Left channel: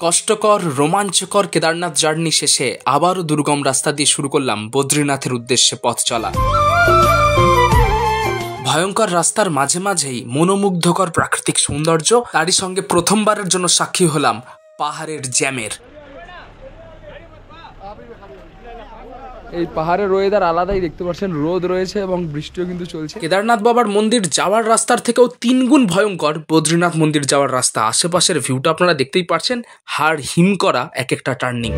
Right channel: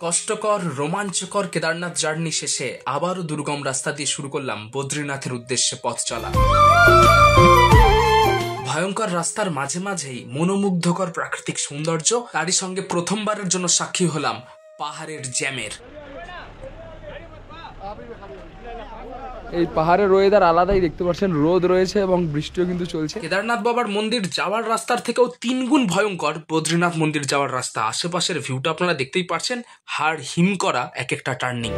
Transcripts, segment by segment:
কষ্টকর রোমাঞ্চকর কেদারনাথ জার্নি শেষে আবারও দুর্গম রাস্তা দিয়ে শুরু করলাম বদ্রীনাথের উদ্দেশ্যে পথ চলা। ভয়ঙ্কর রাস্তার মাঝে মাঝেই মনোমুগ্ধকর প্রাকৃতিক সৌন্দর্য, তারই সঙ্গে প্রথমবারের জন্য সাক্ষী হলাম পাহাড়ের জ্যামের। এই পাহাড়ের ওয়েদার আলাদাই, দেখতে পাচ্ছেন রোদ রয়েছে এবং বৃষ্টিও কিন্তু চলছে। কেদারনাথ বাবার মন্দির যাওয়ার রাস্তার থেকেও 3 গুণ ভয়ঙ্কর বদ্রীনাথ মন্দির যাওয়ার রাস্তা। আশেপাশের ভিউটা আপনারা দেখতেই পাচ্ছেন, হাড় হিম করা এক একটা টার্নিং।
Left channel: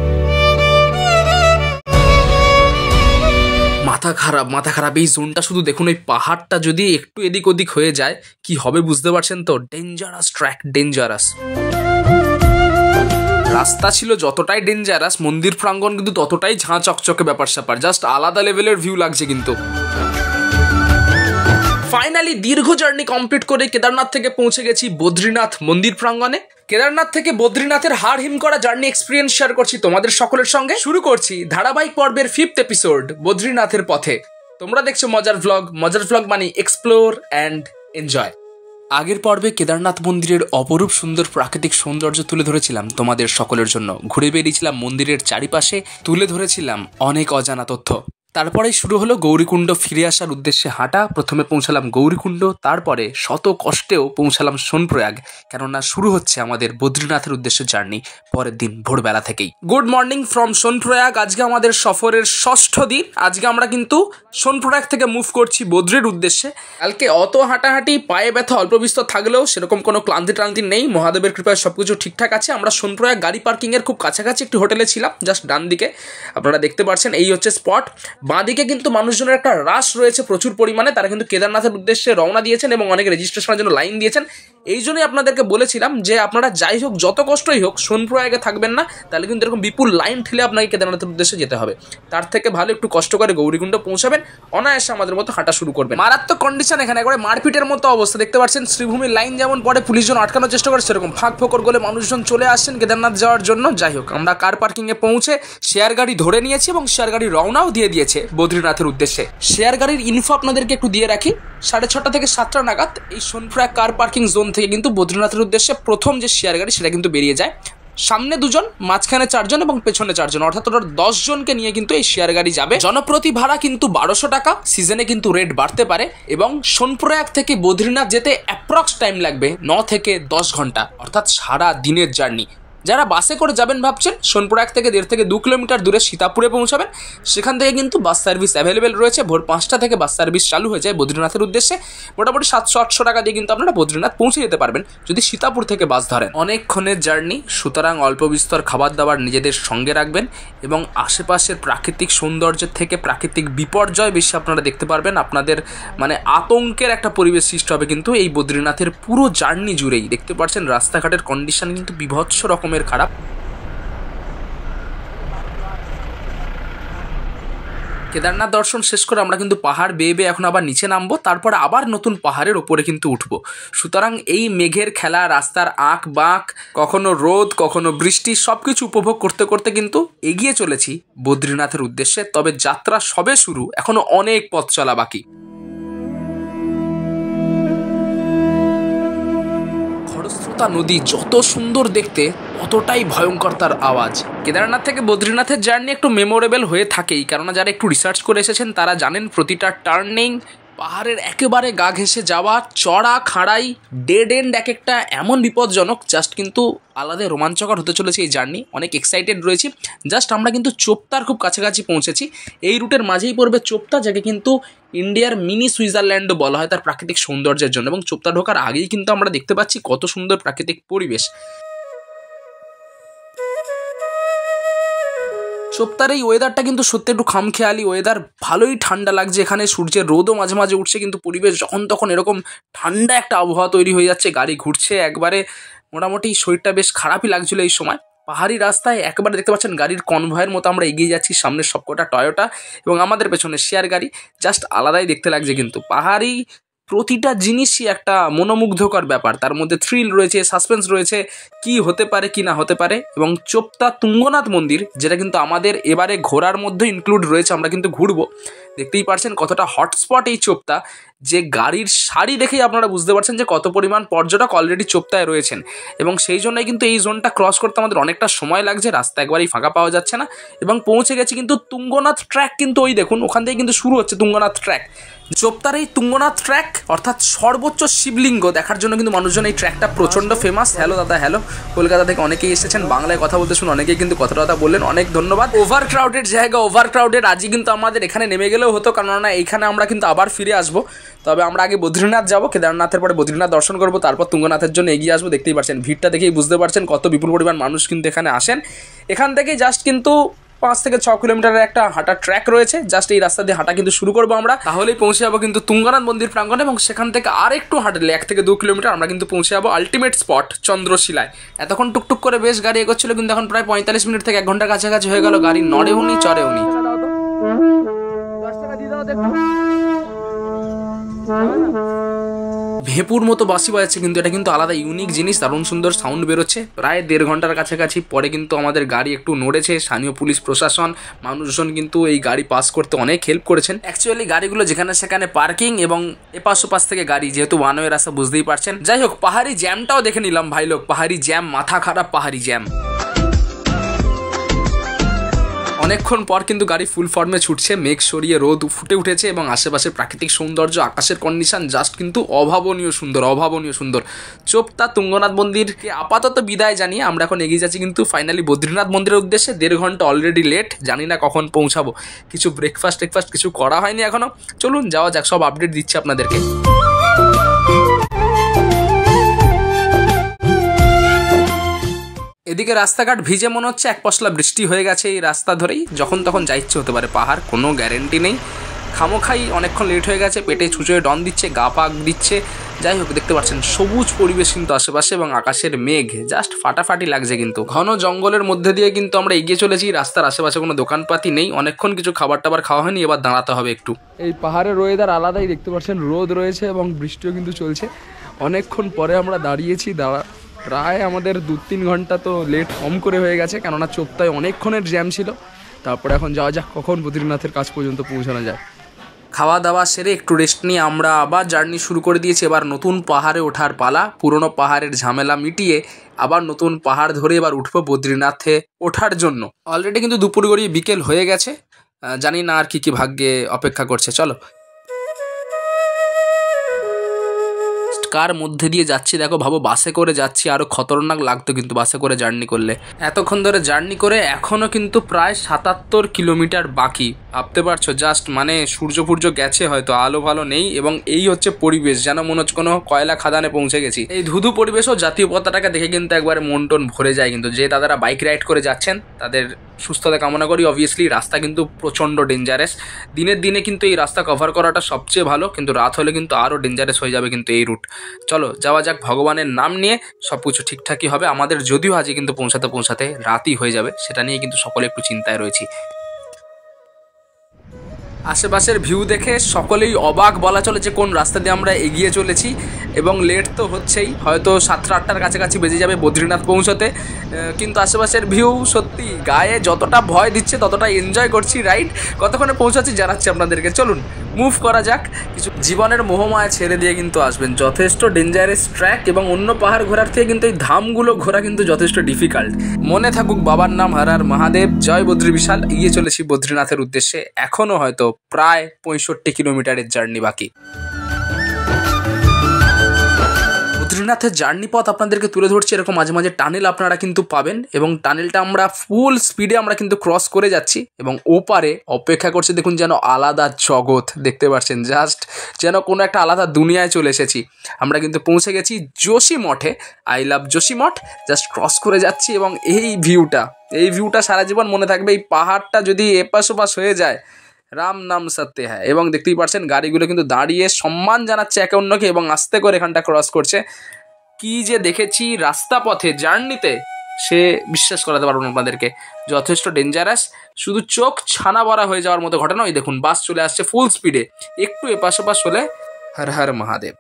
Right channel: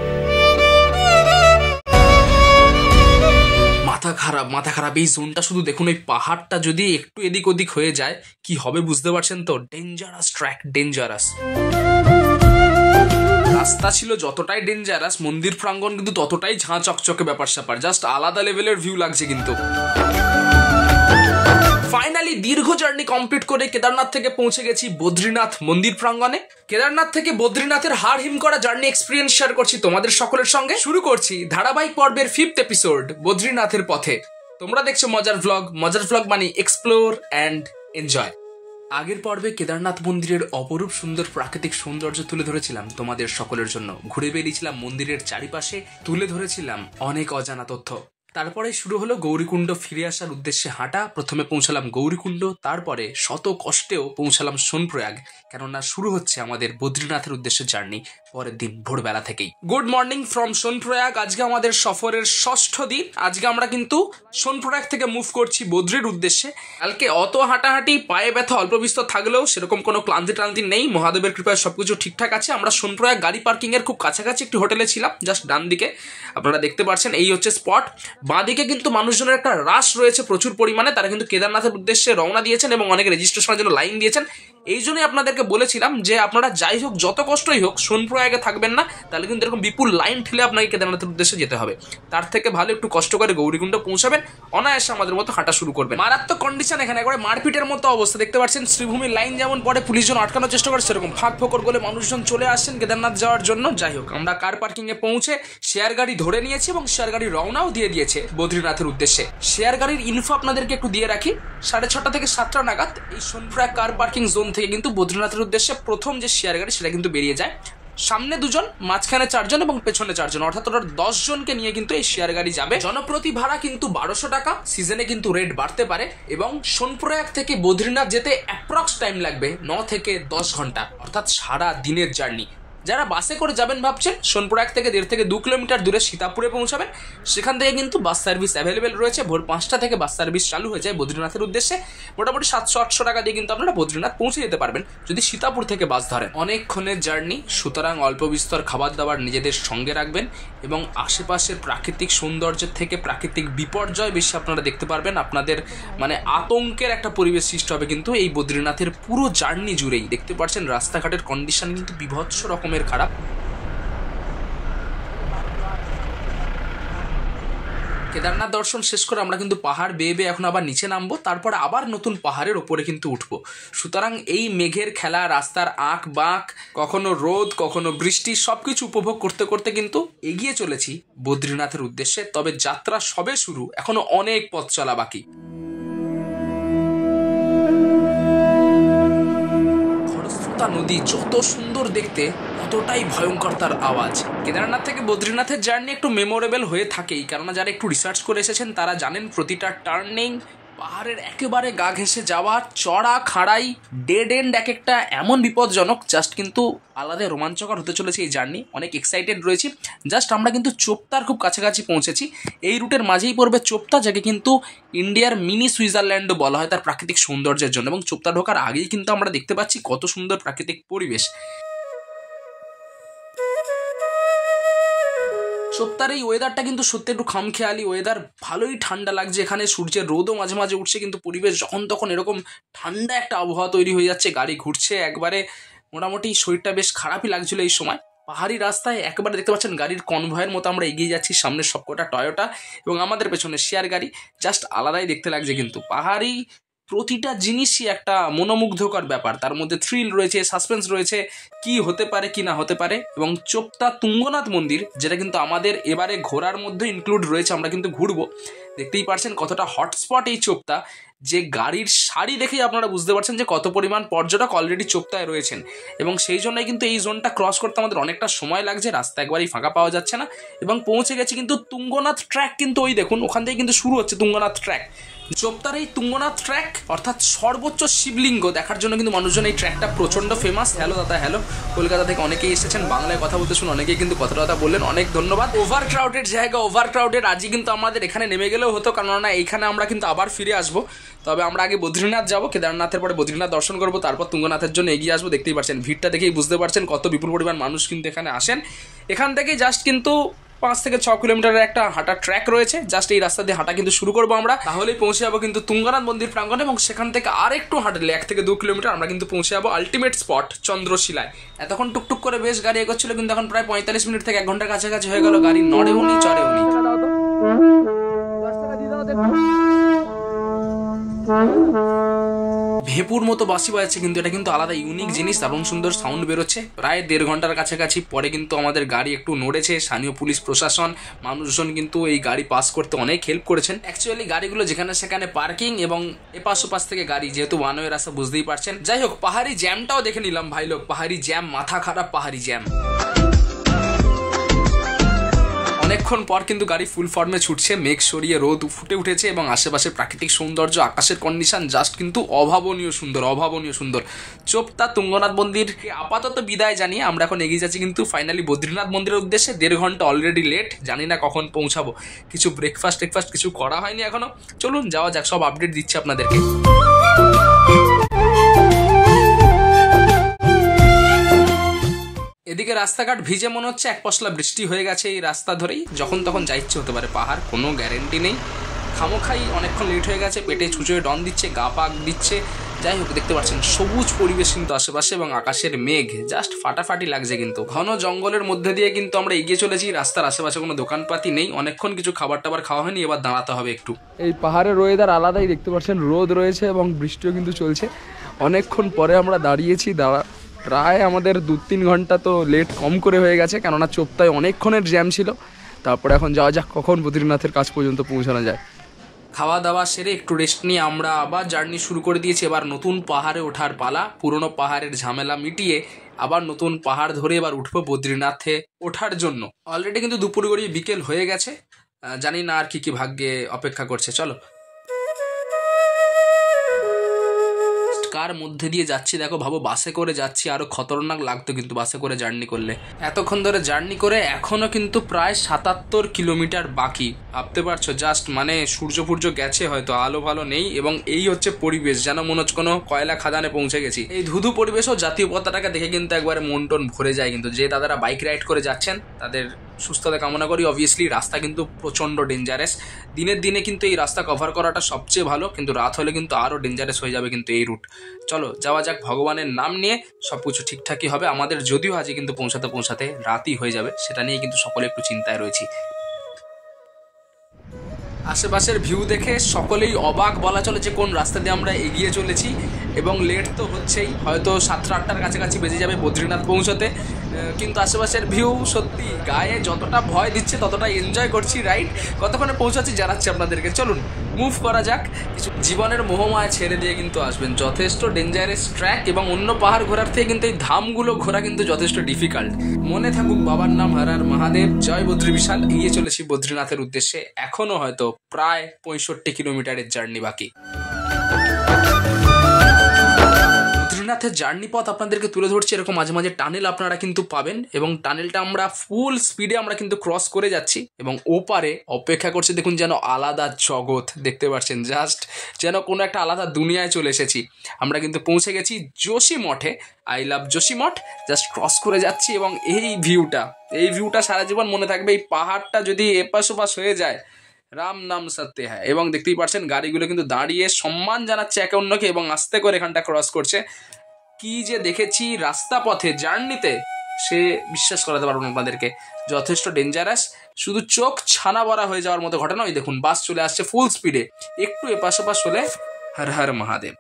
মাথা খারাপ এই জোনটা শুধু দেখুন, ওই পাহাড়টা যদি একটু এদিক ওদিক হয়ে যায় কি হবে বুঝতে পারছেন তো। ডেঞ্জারাস ট্র্যাক, ডেঞ্জারাস রাস্তা ছিল যতটাই ডেঞ্জারাস, মন্দির প্রাঙ্গণ কিন্তু ততটাই ঝাঁ চকচকে ব্যাপার স্যাপার, জাস্ট আলাদা লেভেলের ভিউ লাগছে। কিন্তু ফাইনালি দীর্ঘ জার্নি কমপ্লিট করে কেদারনাথ থেকে পৌঁছে গেছি বদ্রীনাথ মন্দির প্রাঙ্গণে। কেদারনাথ থেকে বদ্রীনাথের হাড় হিম করা জার্নি এক্সপিরিয়েন্স শেয়ার করছি তোমাদের সকলের সঙ্গে। শুরু করছি ধারাবাহিক পর্বের 5th এপিসোড বদ্রীনাথের পথে। তোমরা দেখছো মজার ভ্লগ মানে এক্সপ্লোর অ্যান্ড এনজয়। আগের পর্বে কেদারনাথ মন্দিরের অপরূপ সুন্দর প্রাকৃতিক সৌন্দর্য তুলে ধরেছিলাম তোমাদের সকলের জন্য। ঘুরে বেরিয়েছিলাম মন্দিরের চারিপাশে, তুলে ধরেছিলাম অনেক অজানা তথ্য। তারপরে শুরু হলো গৌরীকুণ্ড ফিরে আসার উদ্দেশ্যে হাঁটা। প্রথমে পৌঁছালাম গৌরীকুণ্ড, তারপরে শত কষ্টেও পৌঁছালাম সোনপ্রয়াগ, কেননা শুরু হচ্ছে আমাদের বদ্রীনাথের উদ্দেশ্যে জার্নি পরের দিন ভোরবেলা থেকেই। Good morning from Sonprayag. আজকে আমাদের সফরের 6ষ্ঠ দিন। আজকে আমরা কিন্তু সোনপ্রয়াগ থেকে মুভ করছি বদ্রীর উদ্দেশ্যে। কালকে অত হাঁটাহাঁটি, পায়ে ব্যথা অল্প বিস্তর থাকলেও সেরকম কোনো ক্লান্তি নেই, মহাদেবের কৃপায় সবকিছু ঠিকঠাক আছে। আমরা সোনপ্রয়াগ গাড়ি পার্কিং এর খুব কাছাকাছি একটি হোটেলে ছিলাম, জাস্ট ডান দিকে আপনারা দেখতে পাচ্ছেন, এই হচ্ছে স্পট। বাঁদিকে কিন্তু মানুষজনের একটা রাশ রয়েছে প্রচুর পরিমাণে, তারা কিন্তু কেদারনাথের উদ্দেশ্যে রওনা দিয়েছেন এবং অনেকে রেজিস্ট্রেশনের জন্য লাইন দিয়েছেন। এই জন্যই আপনাদেরকে বলেছিলাম যে আপনারা যাই হোক, যত কষ্টই হোক, সোনপ্রয়াগে থাকবেন না, তাহলে কিন্তু এরকম বিপুল লাইন ঠেলে আপনাকে কেদারনাথের উদ্দেশ্যে যেতে হবে। তার থেকে ভালো একটু কষ্ট করে গৌরীকুণ্ড পৌঁছাবেন, অনায়াসে আমাদের মতো হাঁটা শুরু করবেন। মারাত্মক কন্ডিশন এখানে, একবারে মারপিটের মতো অবস্থা। দেখতে পাচ্ছেন শ্রীভূমির লাইন যেমন পরে পুলিশজন আটকানোর চেষ্টা করে, সেরকম ফাঁক ফোকর করে মানুষজন চলে আসছেন কেদারনাথ যাওয়ার জন্য। যাই হোক, আমরা কার পার্কিং এ পৌঁছে শেয়ার গাড়ি ধরে নিয়েছি এবং শেয়ার গাড়ি রওনাও দিয়ে দিয়েছে বদ্রীনাথের উদ্দেশ্যে। শেয়ার গাড়ির ইনফো আপনাদেরকে একটু দিয়ে রাখি। 6:30 থেকে 7টা নাগাদ এই সোনপ্রয়াগ কার পার্কিং জোন থেকে কিন্তু বদ্রীনাথের উদ্দেশ্যে প্রথম যে শেয়ার গাড়ি সেটা কিন্তু বেরিয়ে যায়। সামনে 2 জন, মাঝখানে 4 জন এবং পেছনে 4 জন, অর্থাৎ ওরা 10 জনকে নিয়ে কিন্তু এই শেয়ার গাড়ি যাবে। জনপ্রতি ভাড়া কিন্তু 1200 টাকা। সিজনে কিন্তু রেট বাড়তে পারে এবং সোনপ্রয়াগ থেকে বদ্রীনাথ যেতে অ্যাপ্রক্স টাইম লাগবে 9 থেকে 10 ঘন্টা, অর্থাৎ সারা দিনের জার্নি। যারা বাসে করে যাবেন ভাবছেন, সোনপ্রয়াগ থেকে 1.5 থেকে 2 কিলোমিটার দূরে সীতাপুরে পৌঁছাবেন। সেখান থেকে কিন্তু বাস সার্ভিস অ্যাভেলেবেল রয়েছে। ভোর 5টা থেকে বাস সার্ভিস চালু হয়ে যায় বদ্রীনাথের উদ্দেশ্যে। মোটামুটি 700-800 টাকা দিয়ে কিন্তু আপনারা বদ্রীনাথ পৌঁছে যেতে পারবেন যদি সীতাপুর থেকে বাস ধরেন। অনেকক্ষণের জার্নি, সুতরাং অল্প বিস্তর খাবার দাবার নিজেদের সঙ্গে রাখবেন এবং আশেপাশের প্রাকৃতিক সৌন্দর্যের থেকে প্রাকৃতিক বিপর্যয় বেশি আপনারা দেখতে পারবেন। আপনাদের মানে আতঙ্কের একটা পরিবেশ সৃষ্টি হবে কিন্তু এই বদ্রীনাথের পুরো জার্নি জুড়েই। দেখতে পাচ্ছেন রাস্তাঘাটের কন্ডিশন কিন্তু বিভৎস রকম খারাপ। কেদারনাথ দর্শন শেষ করে আমরা কিন্তু পাহাড় বেয়ে এখন আবার নিচে নামবো, তারপর আবার নতুন পাহাড়ের ওপরে কিন্তু উঠবো। সুতরাং এই মেঘের খেলা, রাস্তার আঁক বাঁক, কখনো রোদ কখনো বৃষ্টি, সবকিছু উপভোগ করতে করতে কিন্তু এগিয়ে চলেছি বদ্রীনাথের উদ্দেশ্যে। তবে যাত্রা সবে শুরু, এখনো অনেক পথ চলা বাকি। নদী যত সুন্দর দেখতে, ততটাই ভয়ঙ্কর তার আওয়াজ। কেদারনাথ থেকে বদ্রীনাথের জার্নি একটু মেমোরেবল হয়ে থাকেই, কেননা যারা একটু রিসার্চ করে এসেছেন তারা জানেন প্রতিটা টার্নিং, পাহাড়ের একেবারে গা ঘেঁষে যাওয়া, চড়া খাড়াই, ডেড এন্ড এক একটা এমন বিপজ্জনক, জাস্ট কিন্তু আলাদা রোমাঞ্চকর হতে চলেছে এই জার্নি। অনেক এক্সাইটেড রয়েছি। জাস্ট আমরা কিন্তু চোপতার খুব কাছাকাছি পৌঁছেছি। এই রুটের মাঝেই পড়বে চোপতা, যাকে কিন্তু ইন্ডিয়ার মিনি সুইজারল্যান্ডও বলা হয় তার প্রাকৃতিক সৌন্দর্যের জন্য। এবং চোপতা ঢোকার আগেই কিন্তু আমরা দেখতে পাচ্ছি কত সুন্দর প্রাকৃতিক পরিবেশ। চোপতার এই ওয়েদারটা কিন্তু সত্যি একটু খামখেয়ালি ওয়েদার, ভালোই ঠান্ডা লাগছে এখানে। সূর্যের রোদও মাঝে মাঝে উঠছে, কিন্তু পরিবেশ যখন তখন এরকম ঠান্ডা একটা আবহাওয়া তৈরি হয়ে যাচ্ছে। গাড়ি ঘুরছে একবারে, মোটামুটি শরীরটা বেশ খারাপই লাগছিল এই সময়। পাহাড়ি রাস্তায় একেবারে দেখতে পাচ্ছেন গাড়ির কনভয়ের মতো আমরা এগিয়ে যাচ্ছি। সামনের সবকটা টয়োটা এবং আমাদের পেছনে শেয়ার গাড়ি, জাস্ট আলাদাই দেখতে লাগছে। কিন্তু পাহাড়ি প্রতিটা জিনিসই একটা মনোমুগ্ধকর ব্যাপার, তার মধ্যে থ্রিল রয়েছে, সাসপেন্স রয়েছে, কি হতে পারে কি না হতে পারে। এবং চোপতা তুঙ্গনাথ মন্দির, যেটা কিন্তু আমাদের এবারে ঘোরার মধ্যে ইনক্লুড রয়েছে, আমরা কিন্তু ঘুরবো। দেখতেই পারছেন কতটা হটস্পট এই চোপতা, যে গাড়ির সারি দেখেই আপনারা বুঝতে পারছেন যে কত পরিমাণ পর্যটক অলরেডি চোপতায় রয়েছেন, এবং সেই জন্যই কিন্তু এই জোনটা ক্রস করতে আমাদের অনেকটা সময় লাগছে, রাস্তা একবারই ফাঁকা পাওয়া যাচ্ছে না। এবং পৌঁছে গেছি কিন্তু তুঙ্গনাথ ট্র্যাক, কিন্তু ওই দেখুন ওখান থেকে কিন্তু শুরু হচ্ছে তুঙ্গনাথ ট্র্যাক। চোপতার এই তুঙ্গনাথ ট্র্যাক অর্থাৎ সর্বোচ্চ শিবলিঙ্গ দেখার জন্য কিন্তু মানুষজন এই ট্র্যাকটা প্রচণ্ড ফেমাস। হ্যালো দাদা, হ্যালো, কলকাতা থেকে অনেকেই এসেছেন, বাংলায় কথা বলতে শুনে অনেকেই কিন্তু কথা বললেন, অনেক ধন্যবাদ। ওভার ক্রাউডেড জায়গা, ওভার ক্রাউডেড, আজই কিন্তু আমাদের এখানে নেমে গেলেও হতো, কেননা এইখানে আমরা কিন্তু আবার ফিরে আসবো। তবে আমরা আগে বদ্রীনাথ যাবো, কেদারনাথের পরে বদ্রীনাথ দর্শন করবো, তারপর তুঙ্গনাথের জন্য এগিয়ে আসবো। দেখতেই পাচ্ছেন ভিড়টা দেখেই বুঝতে পারছেন কত বিপুল পরিমাণ মানুষ কিন্তু এখানে আসেন। এখান থেকে জাস্ট কিন্তু 5 থেকে 6 কিলোমিটারের একটা হাঁটার ট্র্যাক রয়েছে, জাস্ট এই রাস্তা দিয়ে হাঁটা কিন্তু শুরু করবো আমরা, তাহলেই পৌঁছে যাবো কিন্তু তুঙ্গনাথ মন্দির প্রাঙ্গণে। এবং সেখান থেকে আর একটু হাঁটলে 1 থেকে 2 কিলোমিটার আমরা কিন্তু পৌঁছে যাবো আলটিমেট স্পট চন্দ্রশিলায়। এতক্ষণ টুকটুক করে বেশ গাড়ি এগোচ্ছিল, কিন্তু এখন প্রায় 45 মিনিট থেকে 1 ঘন্টার কাছাকাছি হয়ে গেল, গাড়ি নড়েও নি চড়েও নি। ভেপুর মতো বাঁশি বাজাচ্ছে, কিন্তু এটা কিন্তু আলাদা ইউনিক জিনিস, দারুণ সুন্দর সাউন্ড বেরোচ্ছে। প্রায় 1.5 ঘন্টার কাছাকাছি পরে কিন্তু আমাদের গাড়ি একটু নড়েছে। স্থানীয় পুলিশ প্রশাসন, মানুষজন কিন্তু এই গাড়ি পাস করতে অনেক হেল্প করেছেন। অ্যাকচুয়ালি গাড়িগুলো যেখানে সেখানে পার্কিং, এবং এপাশ ওপাশ থেকে গাড়ি, যেহেতু ওয়ান ওয়ে রাস্তা বুঝতেই পারছেন। যাই হোক, পাহাড়ি জ্যামটাও দেখে নিলাম ভাই লোক, পাহাড়ি জ্যাম, মাথা খারাপ পাহাড়ি জ্যাম। অনেকক্ষণ পর কিন্তু গাড়ি ফুল ফর্মে ছুটছে, মেঘ সরিয়ে রোদ ফুটে উঠেছে, এবং আশেপাশে প্রাকৃতিক সৌন্দর্য, আকাশের কন্ডিশন জাস্ট কিন্তু অভাবনীয় সুন্দর, অভাবনীয় সুন্দর। চোপতা তুঙ্গনাথ মন্দিরকে আপাতত বিদায় জানিয়ে আমরা এখন এগিয়ে যাচ্ছি কিন্তু ফাইনালি বদ্রীনাথ মন্দিরের উদ্দেশ্যে। 1.5 ঘন্টা অলরেডি লেট, জানি না কখন পৌঁছাবো। কিছু ব্রেকফাস্ট কিছু করা হয়নি এখনো, চলুন যাওয়া যাক, সব আপডেট দিচ্ছি আপনাদেরকে। এদিকে রাস্তাঘাট ভিজে, মনে হচ্ছে এক পশলা বৃষ্টি হয়ে গেছে এই রাস্তা ধরেই, যখন তখন যা ইচ্ছে হতে পারে পাহাড়, কোনো গ্যারেন্টি নেই। খামোখাই অনেকক্ষণ লেট হয়ে গেছে, পেটে ছুঁচোয় ডন দিচ্ছে, গা পাক দিচ্ছে। যাই হোক, দেখতে পাচ্ছেন সবুজ পরিবেশ কিন্তু আশেপাশে, এবং আকাশের মেঘ জাস্ট ফাটাফাটি লাগছে। কিন্তু ঘন জঙ্গলের মধ্যে দিয়ে কিন্তু আমরা এগিয়ে চলেছি, রাস্তার আশেপাশে কোনো দোকানপাতি নেই, অনেকক্ষণ কিছু খাবার টাবার খাওয়া হয়নি, এবার দাঁড়াতে হবে একটু। এই পাহাড়ের ওয়েদার আলাদাই, দেখতে পাচ্ছেন রোদ রয়েছে এবং বৃষ্টিও কিন্তু চলছে। অনেকক্ষণ পরে আমরা দাঁড়িয়েছি, প্রায় আমাদের 2-3 ঘন্টা তো লেট কম করে হয়ে গেছে, কেননা চোপতায় অনেকক্ষণের জ্যাম ছিল। তারপরে এখন যাওয়া যাক কখন বদ্রীনাথের কাছ পর্যন্ত পৌঁছানো যায়। খাওয়া দাওয়া সেরে একটু রেস্ট নিয়ে আমরা আবার জার্নি শুরু করে দিয়েছি। এবার নতুন পাহাড়ে ওঠার পালা, পুরনো পাহাড়ের ঝামেলা মিটিয়ে আবার নতুন পাহাড় ধরে এবার উঠবো বদ্রীনাথে ওঠার জন্য। অলরেডি কিন্তু দুপুর গড়িয়ে বিকেল হয়ে গেছে, জানি না আর কি ভাগ্যে অপেক্ষা করছে। চলো, কার মধ্যে দিয়ে যাচ্ছি দেখো, ভাবো বাসে করে যাচ্ছি, আরো খতরনাক লাগতো কিন্তু বাসে করে জার্নি করলে। এতক্ষণ ধরে জার্নি করে এখনো কিন্তু প্রায় 77 কিলোমিটার বাকি, ভাবতে পারছো? জাস্ট মানে সূর্য গেছে, হয়তো আলো ভালো নেই, এবং এই হচ্ছে পরিবেশ, যেন মনে হচ্ছে কোনো কয়লা খাদানে পৌঁছে গেছি। এই ধুধু পরিবেশও জাতীয় পতাকাটাকে দেখে কিন্তু একবার মন টন ভরে যায়। কিন্তু যে দাদারা বাইক রাইড করে যাচ্ছেন তাদের সুস্থতা কামনা করি। অবভিয়াসলি রাস্তা কিন্তু প্রচণ্ড ডেঞ্জারাস, দিনের দিনে কিন্তু এই রাস্তা কভার করাটা সবচেয়ে ভালো, কিন্তু রাত হলে কিন্তু আরও ডেঞ্জারাস হয়ে যাবে কিন্তু এই রুট। চলো যাওয়া যাক, ভগবানের নাম নিয়ে সব কিছু ঠিকঠাকই হবে আমাদের, যদিও আজকে কিন্তু পৌঁছাতে রাতই হয়ে যাবে, সেটা নিয়ে কিন্তু সকলে একটু চিন্তায় রয়েছি। আশেপাশের ভিউ দেখে সকলেই অবাক বলা চলে যে কোন রাস্তা দিয়ে আমরা এগিয়ে চলেছি, এবং লেট তো হচ্ছেই, হয়তো 7-8টার কাছাকাছি বেজে যাবে বদ্রীনাথ পৌঁছতে। কিন্তু আশেপাশের ভিউ সত্যি গায়ে যতটা ভয় দিচ্ছে ততটা এনজয় করছি রাইড। কতক্ষণে পৌঁছাচ্ছি জানাচ্ছি আপনাদেরকে, চলুন মুভ করা যাক। কিছু জীবনের মোহমায়া ছেড়ে দিয়ে কিন্তু আসবেন, যথেষ্ট ডেঞ্জারাস ট্র্যাক, এবং অন্য পাহাড় ঘোরার থেকে কিন্তু এই ধামগুলো ঘোরা কিন্তু যথেষ্ট ডিফিকাল্ট। মনে থাকুক বাবার নাম হর হর মহাদেব, জয় বদ্রী বিশাল। এগিয়ে চলেছি বদ্রীনাথের উদ্দেশ্যে, এখনো হয়তো প্রায় 65 কিলোমিটারের জার্নি বাকি। বদ্রীনাথের জার্নি পথ আপনাদেরকে তুলে ধরছে, এরকম মাঝে মাঝে টানেল আপনারা কিন্তু পাবেন, এবং টানেলটা আমরা ফুল স্পিডে আমরা কিন্তু ক্রস করে যাচ্ছি, এবং ওপারে অপেক্ষা করছে দেখুন যেন আলাদা জগৎ, দেখতে পাচ্ছেন জাস্ট যেন কোনো একটা আলাদা দুনিয়ায় চলে এসেছি। আমরা কিন্তু পৌঁছে গেছি যোশী মঠে, I love Joshi Math. Just cross করে যাচ্ছি, এবং এই ভিউটা সারা জীবন মনে থাকবে। এই পাহাড়টা যদি এপাশ ওপাশ হয়ে যায়, রাম নাম সত্য হ্যাঁ। এবং দেখতেই পাচ্ছেন গাড়িগুলো কিন্তু দাঁড়িয়ে সম্মান জানাচ্ছে একে অন্যকে, এবং আস্তে করে এখানটা ক্রস করছে। কি যে দেখেছি রাস্তা পথে জার্নিতে, সে বিশ্বাস করাতে পারবো না আপনাদেরকে, যথেষ্ট ডেঞ্জারাস, শুধু চোখ ছানা বড়া হয়ে যাওয়ার মতো ঘটনা। ওই দেখুন বাস চলে আসছে ফুল স্পিডে, একটু এপাশ ওপাশ হলে হর হর মহাদেব।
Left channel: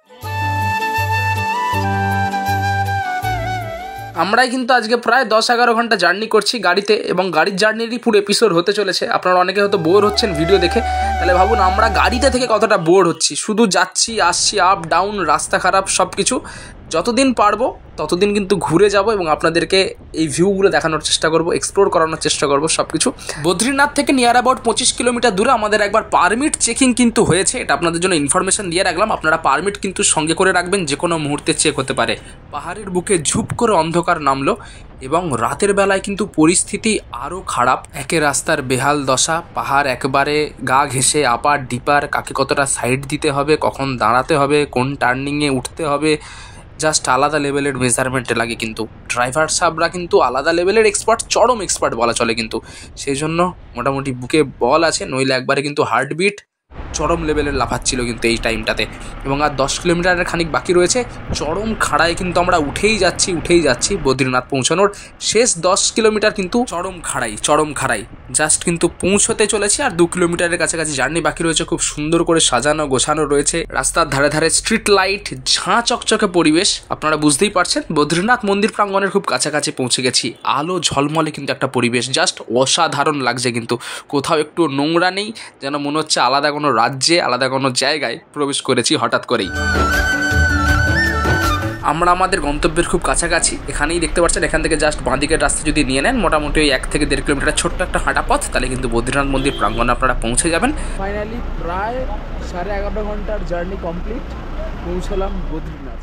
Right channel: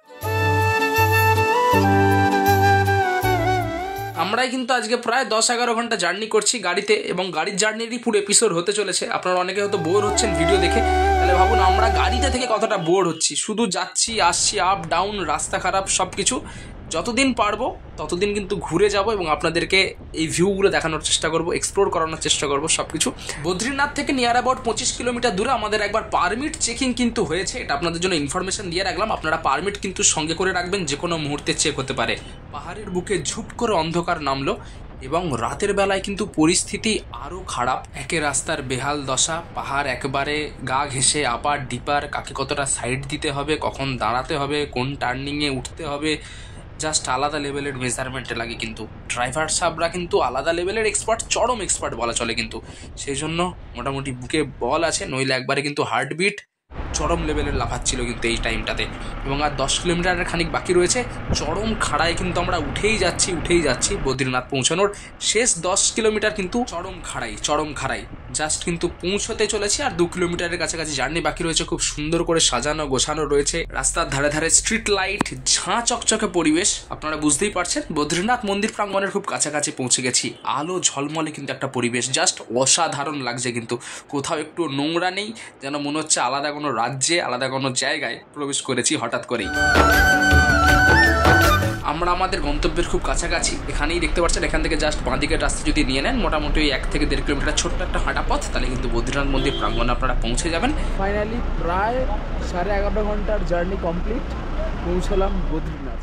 আমরাই কিন্তু আজকে প্রায় 10-11 ঘন্টা জার্নি করছি গাড়িতে, এবং গাড়ির জার্নিরই পুরো এপিসোড হতে চলেছে। আপনারা অনেকে হয়তো বোর হচ্ছেন ভিডিও দেখে, তাহলে ভাবুন আমরা গাড়িতে থেকে কতটা বোর হচ্ছি। শুধু যাচ্ছি আসছি, আপ ডাউন, রাস্তা খারাপ, সব কিছু। যতদিন পারবো ততদিন কিন্তু ঘুরে যাব এবং আপনাদেরকে এই ভিউগুলো দেখানোর চেষ্টা করব, এক্সপ্লোর করানোর চেষ্টা করব সব কিছু। বদ্রীনাথ থেকে নিয়ার অ্যাবাউট 25 কিলোমিটার দূরে আমাদের একবার পারমিট চেকিং কিন্তু হয়েছে। এটা আপনাদের জন্য ইনফরমেশন দিয়ে রাখলাম। আপনারা পারমিট কিন্তু সঙ্গে করে রাখবেন, যে কোনো মুহূর্তে চেক হতে পারে। পাহাড়ের বুকে ঝুপ করে অন্ধকার নামলো এবং রাতের বেলায় কিন্তু পরিস্থিতি আরও খারাপ। একে রাস্তার বেহাল দশা, পাহাড় একবারে গা ঘেঁষে, আপার ডিপার, কাকে কতটা সাইড দিতে হবে, কখন দাঁড়াতে হবে, কোন টার্নিংয়ে উঠতে হবে, জাস্ট আলাদা লেভেলের মেজারমেন্টে লাগে। কিন্তু ড্রাইভার সাহেবরা কিন্তু আলাদা লেভেলের এক্সপার্ট, চরম এক্সপার্ট বলা চলে। কিন্তু সেই জন্য মোটামুটি বুকে বল আছে, নইলে একবারে কিন্তু হার্টবিট চরম লেভেলের লাফাচ্ছিল কিন্তু এই টাইমটাতে। এবং আর 10 কিলোমিটারের খানিক বাকি রয়েছে। চরম খাড়ায় কিন্তু আমরা উঠেই যাচ্ছি বদ্রীনাথ পৌঁছানোর। শেষ 10 কিলোমিটার কিন্তু চরম খাড়াই জাস্ট কিন্তু পৌঁছতে চলেছে। আর 2 কিলোমিটারের কাছাকাছি জার্নি বাকি রয়েছে। খুব সুন্দর করে সাজানো গোছানো রয়েছে, রাস্তার ধারে ধারে স্ট্রিট লাইট, ঝাঁ চকচকে পরিবেশ। আপনারা বুঝতেই পারছেন বদ্রীনাথ মন্দির প্রাঙ্গণের খুব কাছাকাছি পৌঁছে গেছি। আলো ঝলমলে কিন্তু একটা পরিবেশ, জাস্ট অসাধারণ লাগছে। কিন্তু কোথাও একটু নোংরা নেই, যেন মনে হচ্ছে আলাদা কোনো রাজ্যে, আলাদা কোনো জায়গায় প্রবেশ করেছি হঠাৎ করেই। আমরা আমাদের গন্তব্যের খুব কাছাকাছি। এখানেই দেখতে পাচ্ছেন, এখান থেকে জাস্ট বাঁদিকের রাস্তা যদি নিয়ে নেন মোটামুটি ওই 1 থেকে 1.5 কিলোমিটার ছোট্ট একটা হাঁটা পথ, তাহলে কিন্তু বদ্রীনাথ মন্দির প্রাঙ্গণে আপনারা পৌঁছে যাবেন। ফাইনালি প্রায় 11.5 ঘন্টার জার্নি কমপ্লিট, পৌঁছলাম বদ্রীনাথ।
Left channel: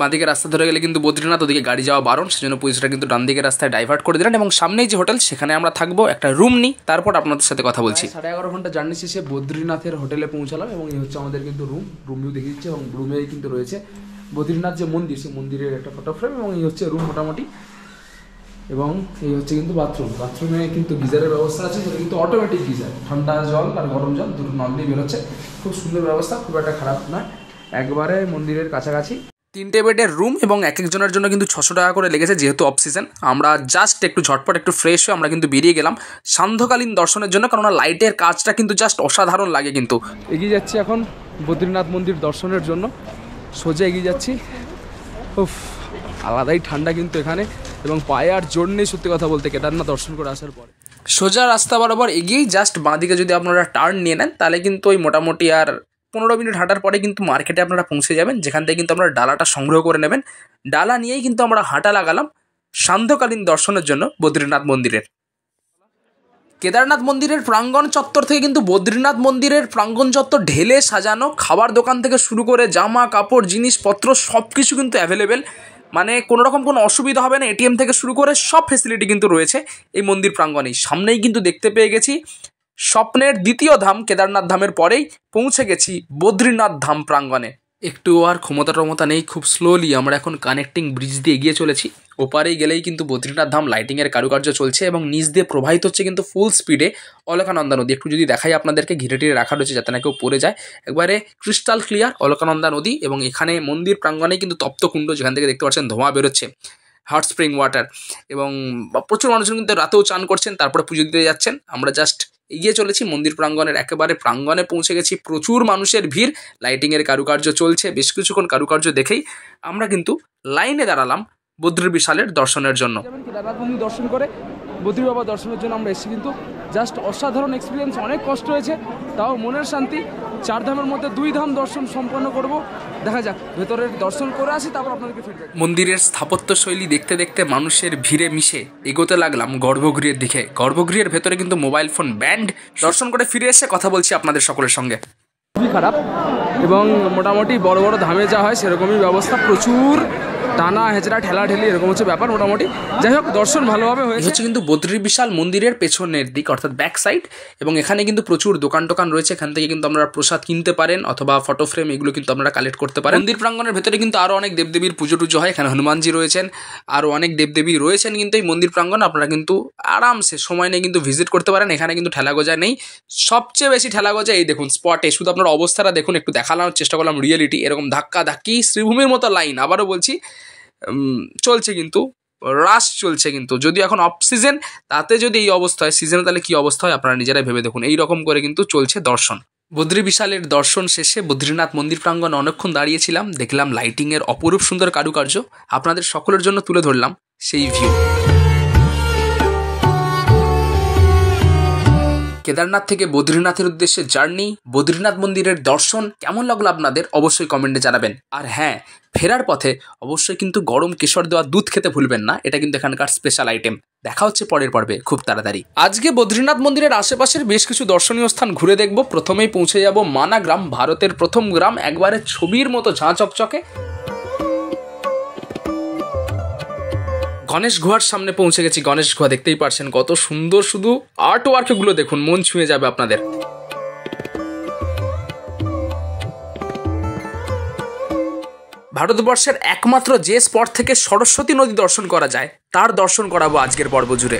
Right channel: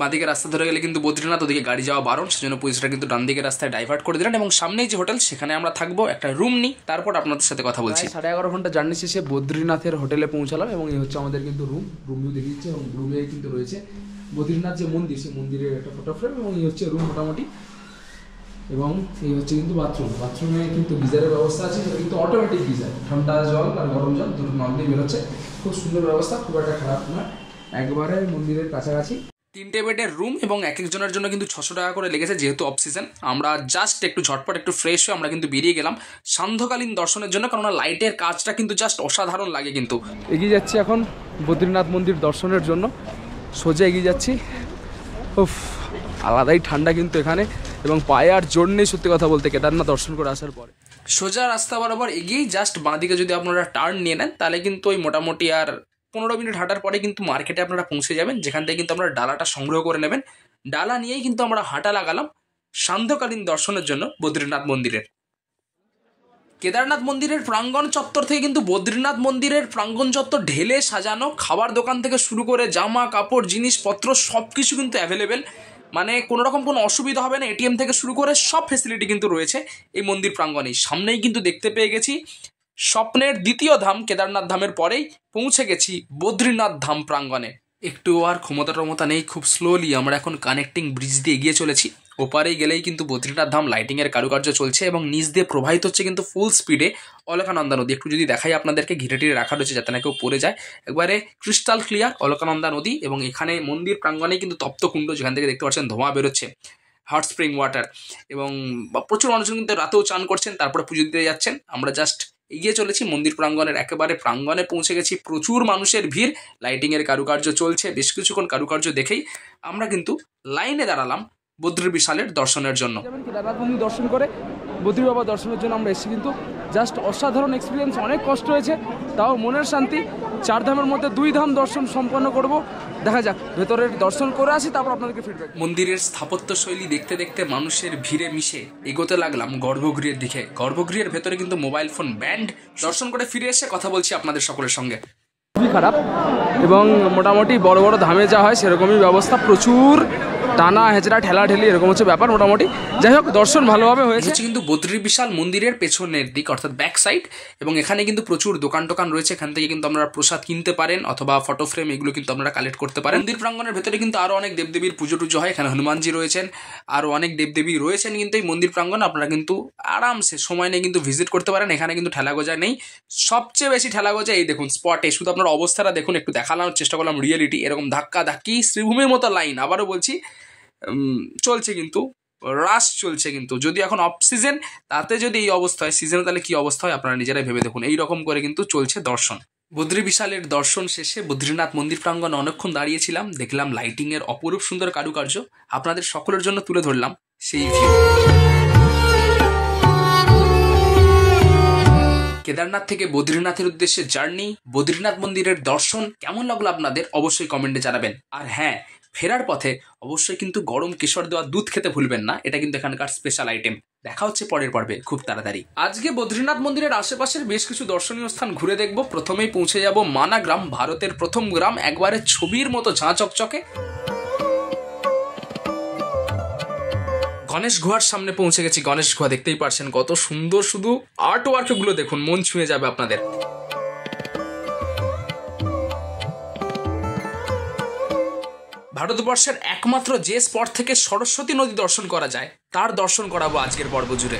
বাঁদিকে রাস্তা ধরে গেলে কিন্তু বদ্রীনাথ, ওদিকে গাড়ি যাওয়া বারণ, সেজন্য পুলিশরা কিন্তু ডান দিকের রাস্তায় ডাইভার্ট করে দিলেন। এবং সামনেই যে হোটেল, সেখানে আমরা থাকবো, একটা রুম নিই, তারপর আপনাদের সাথে কথা বলছি। 11.5 ঘন্টা জার্নি শেষে বদ্রীনাথের হোটেলে পৌঁছালাম এবং এই হচ্ছে আমাদের কিন্তু রুম ভিউ দেখিয়ে দিচ্ছে। এবং রুমেই কিন্তু রয়েছে বদ্রীনাথ যে মন্দির, সেই মন্দিরের একটা ফটো ফ্রেম, এবং এই হচ্ছে রুম মোটামুটি। এবং এই হচ্ছে কিন্তু বাথরুমে কিন্তু গিজারের ব্যবস্থা আছে, সেটা কিন্তু অটোমেটিক গিজার, ঠান্ডা জল আর গরম জল দুটো নল দিয়ে বেরোচ্ছে। খুব সুন্দর ব্যবস্থা, খুব একটা খারাপ নয়, একবারে মন্দিরের কাছাকাছি। 3টে বেডের রুম এবং এক একজনের জন্য কিন্তু 600 টাকা করে লেগেছে, যেহেতু অফ সিজন। আমরা জাস্ট একটু ঝটপট একটু ফ্রেশ হয়ে আমরা কিন্তু বেরিয়ে গেলাম সান্ধ্যকালীন দর্শনের জন্য, কেননা লাইটের কাজটা কিন্তু জাস্ট অসাধারণ লাগে। কিন্তু এগিয়ে যাচ্ছি এখন বদ্রীনাথ মন্দির দর্শনের জন্য, সোজা এগিয়ে যাচ্ছি। উফ, আলাদাই ঠান্ডা কিন্তু এখানে, এবং পায়ে আর জোর নেই সত্যি কথা বলতে কেদারনাথ দর্শন করে আসার পরে। সোজা রাস্তা বরাবর এগিয়েই জাস্ট বাঁদিকে যদি আপনারা টার্ন নিয়ে নেন, তাহলে কিন্তু ওই মোটামুটি আর 15 মিনিট হাঁটার পরে কিন্তু মার্কেটে আপনারা পৌঁছে যাবেন, যেখান থেকে কিন্তু আপনারা ডালাটা সংগ্রহ করে নেবেন। ডালা নিয়েই কিন্তু আমরা হাঁটা লাগালাম সান্ধ্যকালীন দর্শনের জন্য বদ্রীনাথ মন্দিরের। কেদারনাথ মন্দিরের প্রাঙ্গণ চত্বর থেকে কিন্তু বদ্রীনাথ মন্দিরের প্রাঙ্গণ চত্বর ঢেলে সাজানো, খাবার দোকান থেকে শুরু করে জামা কাপড় জিনিসপত্র সব কিছু কিন্তু অ্যাভেলেবেল। মানে কোনো রকম কোনো অসুবিধা হবে না, এটিএম থেকে শুরু করে সব ফেসিলিটি কিন্তু রয়েছে এই মন্দির প্রাঙ্গণেই। সামনেই কিন্তু দেখতে পেয়ে গেছি স্বপ্নের দ্বিতীয় ধাম, কেদারনাথ ধামের পরেই পৌঁছে গেছি বদ্রীনাথ ধাম প্রাঙ্গণে। একটু আর ক্ষমতা নেই, খুব স্লোলি আমরা এখন কানেক্টিং ব্রিজ দিয়ে এগিয়ে চলেছি। ওপারেই গেলেই কিন্তু বদ্রীনাথ ধাম লাইটিংয়ের কারুকার্য চলছে এবং নিচ দিয়ে প্রবাহিত হচ্ছে কিন্তু ফুল স্পিডে অলকানন্দা নদী। একটু যদি দেখাই আপনাদেরকে, ঘিরে টিরে রাখা রয়েছে যাতে না কেউ পড়ে যায়। একবারে ক্রিস্টাল ক্লিয়ার অলকানন্দা নদী, এবং এখানে মন্দির প্রাঙ্গণে কিন্তু তপ্তকুণ্ড, যেখান থেকে দেখতে পাচ্ছেন ধোঁয়া বেরোচ্ছে, হট স্প্রিং ওয়াটার, এবং প্রচুর মানুষজন কিন্তু রাতেও চান করছেন, তারপরে পুজো দিতে যাচ্ছেন। আমরা জাস্ট এগিয়ে চলেছি মন্দির প্রাঙ্গণের একেবারে প্রাঙ্গণে পৌঁছে গেছি। প্রচুর মানুষের ভিড়, লাইটিংয়ের কারুকার্য চলছে। বেশ কিছুক্ষণ কারুকার্য দেখেই আমরা কিন্তু লাইনে দাঁড়ালাম বদ্রী বিশালের দর্শনের জন্য। কেদারনাথ মন্দির দর্শন করে বদ্রী বাবা দর্শনের জন্য আমরা এসেছি, কিন্তু জাস্ট অসাধারণ এক্সপিরিয়েন্স। অনেক কষ্ট হয়েছে, তাও মনের শান্তি। 4 ধামের মধ্যে 2 ধাম দর্শন সম্পন্ন করব। দেখা যাক, ভেতরের দর্শন করে আসি, তারপর আপনাদেরকে ফিডব্যাক। মন্দিরের স্থাপত্য শৈলী দেখতে দেখতে মানুষের ভিড়ে মিশে এগোতে লাগলাম গর্ভগৃহের দিকে। গর্ভগৃহের ভেতরে কিন্তু মোবাইল ফোন ব্যান্ড। দর্শন করে ফিরে এসে কথা বলছি আপনাদের সকলের সঙ্গে। খুবই খারাপ, এবং মোটামুটি বড় বড় ধামে যা হয় সেরকমই ব্যবস্থা, প্রচুর টানা হেঁচড়া ঠেলাঠেলি এরকম হচ্ছে ব্যাপার মোটামুটি। যাই হোক, দর্শন ভালোভাবে হয়েছে। কিন্তু বদ্রী বিশাল মন্দিরের পেছনের দিক, অর্থাৎ ব্যাক সাইড, এবং এখানে কিন্তু প্রচুর দোকান টোকান রয়েছে। এখান থেকে কিন্তু আপনারা প্রসাদ কিনতে পারেন অথবা ফটো ফ্রেম, এগুলো কিন্তু আপনারা কালেক্ট করতে পারেন। মন্দির প্রাঙ্গণের ভেতরে কিন্তু আরও অনেক দেবদেবীর পুজো টুজো হয়। এখানে হনুমানজি রয়েছেন, আরও অনেক দেবদেবী রয়েছেন কিন্তু এই মন্দির প্রাঙ্গণ। আপনারা কিন্তু আরামসে সময় নিয়ে কিন্তু ভিজিট করতে পারেন। এখানে কিন্তু ঠেলাগোজা নেই। সবচেয়ে বেশি ঠেলাগোজা এই দেখুন স্পটে। শুধু আপনার অবস্থাটা দেখুন, একটু দেখানোর চেষ্টা করলাম রিয়েলিটি। এরকম ধাক্কা ধাক্কি শ্রীভূমির মতো লাইন, আবারও বলছি, চলছে কিন্তু রাশ চলছে। কিন্তু যদি এখন অফ সিজন, তাতে যদি এই অবস্থা হয় সিজনে, তাহলে কি অবস্থা হয় আপনারা নিজেরাই ভেবে দেখুন। এইরকম করে কিন্তু চলছে দর্শন। বদ্রী বিশালের দর্শন শেষে বদ্রীনাথ মন্দির প্রাঙ্গণ অনেকক্ষণ দাঁড়িয়েছিলাম, দেখলাম লাইটিংয়ের অপরূপ সুন্দর কারুকার্য, আপনাদের সকলের জন্য তুলে ধরলাম। সেই ভিউ। কেদারনাথ থেকে বদ্রীনাথের উদ্দেশ্যে জার্নি, বদ্রীনাথ মন্দিরের দর্শন কেমন লাগলো আপনাদের অবশ্যই কমেন্টে জানাবেন। আর হ্যাঁ, ফেরার পথে অবশ্যই কিন্তু গরম কেশর দেওয়া দুধ খেতে ভুলবেন না, এটা কিন্তু এখানকার স্পেশাল আইটেম। দেখা হচ্ছে পরের পর্বে খুব তাড়াতাড়ি। আজকে বদ্রীনাথ মন্দিরের আশেপাশের বেশ কিছু দর্শনীয় স্থান ঘুরে দেখব। প্রথমেই পৌঁছে যাব মানা গ্রাম, ভারতের প্রথম গ্রাম, একবারে ছবির মতো ঝাঁ চকচকে। গণেশ গুহার সামনে পৌঁছে গেছি। গণেশ গুহা দেখতেই পারছেন কত সুন্দর, শুধু আর্ট ওয়ার্কগুলো দেখুন, মন ছুঁয়ে যাবে আপনাদের। ভারতবর্ষের একমাত্র যে স্পট থেকে সরস্বতী নদী দর্শন করা যায় তার দর্শন করাবো আজকের পর্ব জুড়ে।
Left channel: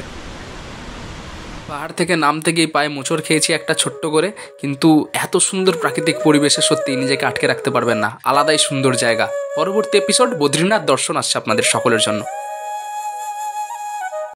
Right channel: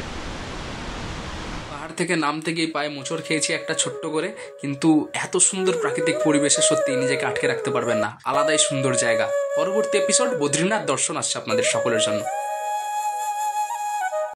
পাহাড় থেকে নামতে গিয়ে পায়ে মোচড় খেয়েছি একটা ছোট্ট করে, কিন্তু এত সুন্দর প্রাকৃতিক পরিবেশে সত্যি নিজেকে আটকে রাখতে পারবেন না, আলাদাই সুন্দর জায়গা। পরবর্তী এপিসোড বদ্রীনাথ দর্শন আসছে আপনাদের সকলের জন্য।